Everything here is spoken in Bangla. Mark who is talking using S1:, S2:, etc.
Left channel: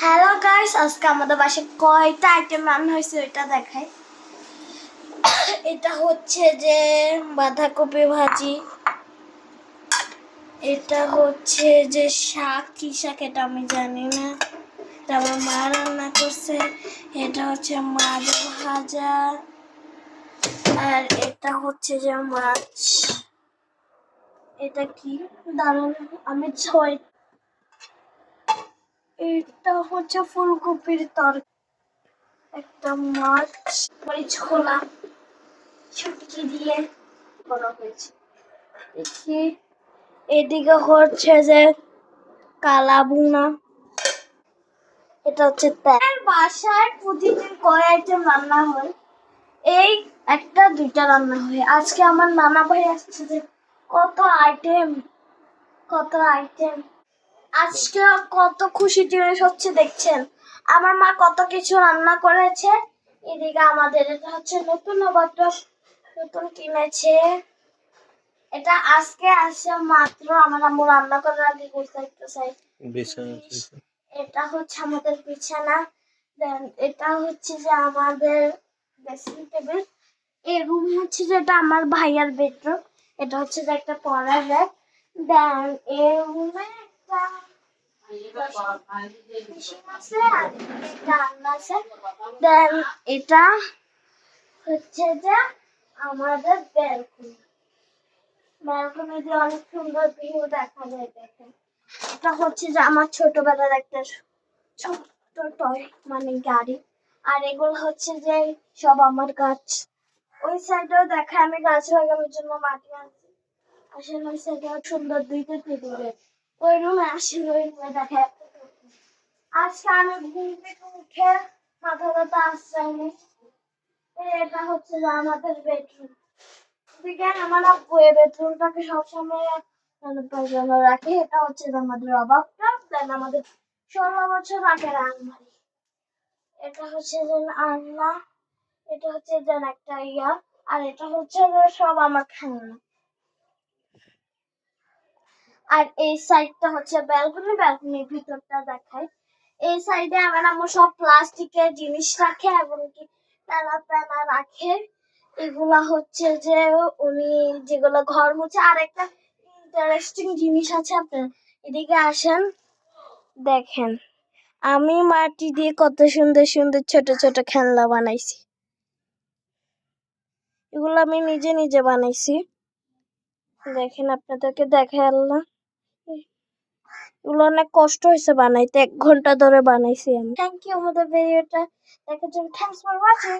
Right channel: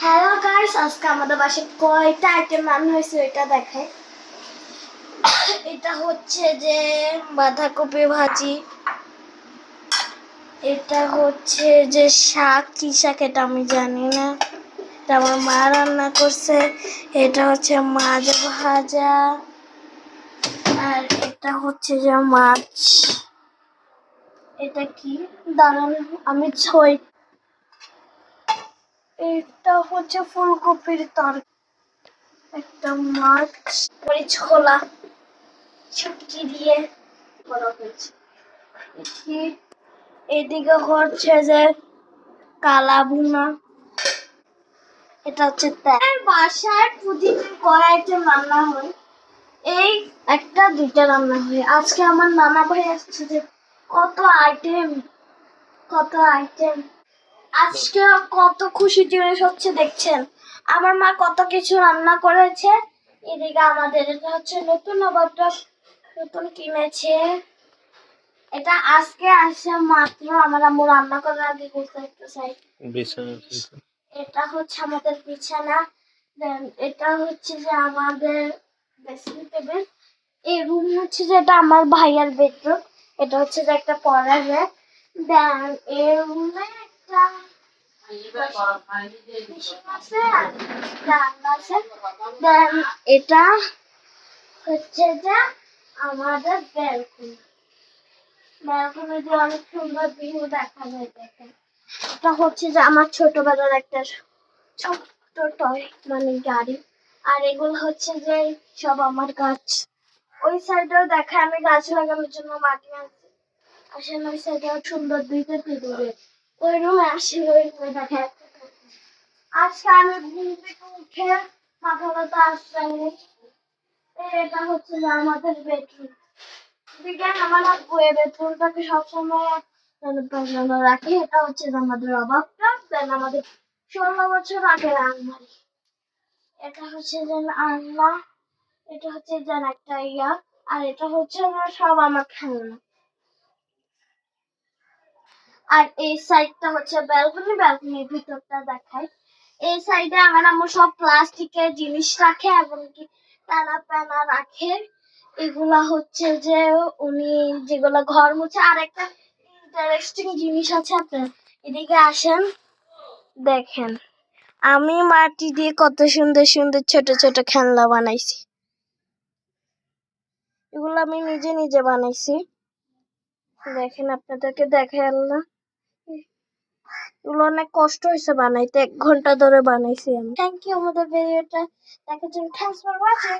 S1: হ্যালো গাইস আজকে আমাদের বাসায় কয়টা আইটেম রান্না হয়েছে ওইটা দেখাই। এটা হচ্ছে যে বাঁধাকপি ভাজি। এটা হচ্ছে যে শাক। কি শাক এটা আমি জানি না। এটা মা রান্না করছে। এটা হচ্ছে মাছ ভাজা। আর এটা হচ্ছে যে মাছ। এটা কি? দাঁড়ান, আমি ছয় এটা হচ্ছে ফুলকপির তরকারি একটা মাছ, মরিচ, খোলা, শুটকি দিয়ে করা হয়েছে। এদিকে হচ্ছে যে কালা ভুনা। এটা হচ্ছে বাসায় প্রতিদিন কয় আইটেম রান্না হয়? এই একটা, দুইটা রান্না হয়। আজকে আমার নানা ভাই আসছে যে কত আইটেম কত আইটেম। আজকে কত খুশি জিনিস হচ্ছে দেখছেন? আমার মা কত কিছু রান্না করেছে। এদিকে আমাদের এটা হচ্ছে নতুন নবাবটা নতুন কিনেছে। এটা আজকে আসে মাত্র আমার আম্মু রান্না করার আগে সাইড
S2: বিছানা
S1: এটা হচ্ছে আমাদের বিছানা। এটা হচ্ছে যে আমাদের ড্রেসিং টেবিল এই রুম হচ্ছে যে এটা আমার ভাইয়ার বেডরুম এটা হচ্ছে যে একটা পড়ার র্যাক দেন এই রুমে এটা হচ্ছে যে আমাদের ব্যালকনি অনেক সুন্দর ভিউ দেখা যায় এটা হচ্ছে যে আমার ছোটবেলার একটা ছোট্ট টয় মানে গাড়ি। আর এগুলো হচ্ছে যে সব আমার গাছ। ওই সাইডেও দেখা আমি গাছ লাগানোর জন্য মাটি আনছি। আসলে ওই সাইডেও সুন্দর দুইটা পেঁদুরে ওই রুমে আসলে ওই রুমে দেখা। আজকে আমি ঘুম থেকে উঠে মাথা ব্যথা আসছে। এটা হচ্ছে আমাদের বেডরুম এদিকে আমার বইয়ের বেডরুমটাকে সবসময়। বাজানো রাখি, এটা হচ্ছে আমাদের অভাবটা। দেন আমাদের ষোলো বছর আগের আলমারি। এটা হচ্ছে যে আলনা এটা হচ্ছে যে একটা ইয়া। আর এটা হচ্ছে সব আমার খেলনা। আর এই সাইডটা হচ্ছে ব্যালকনি ব্যালকনির ভিতরটা দেখায় এই সাইডে আমার আম্মু সব প্লাস্টিকের জিনিস রাখে, এমনকি প্যানা প্যানা রাখে। এগুলা হচ্ছে যে উনি যেগুলো ঘর মুছে, আর একটা ইন্টারেস্টিং জিনিস আছে আপনার। এদিকে আসেন, দেখেন। আমি মাটি দিয়ে কত সুন্দর সুন্দর ছোট ছোট খেলনা বানাইছি। এগুলো আমি নিজে নিজে বানাইছি। দেখেন আপনাদেরকে দেখে আল্লাহ। এগুলো অনেক কষ্ট হয়েছে বানাইতে, এক ঘণ্টা ধরে বানাইছি আমি। থ্যাংক ইউ আমাদের ভিডিওটা দেখার জন্য। Thanks for watching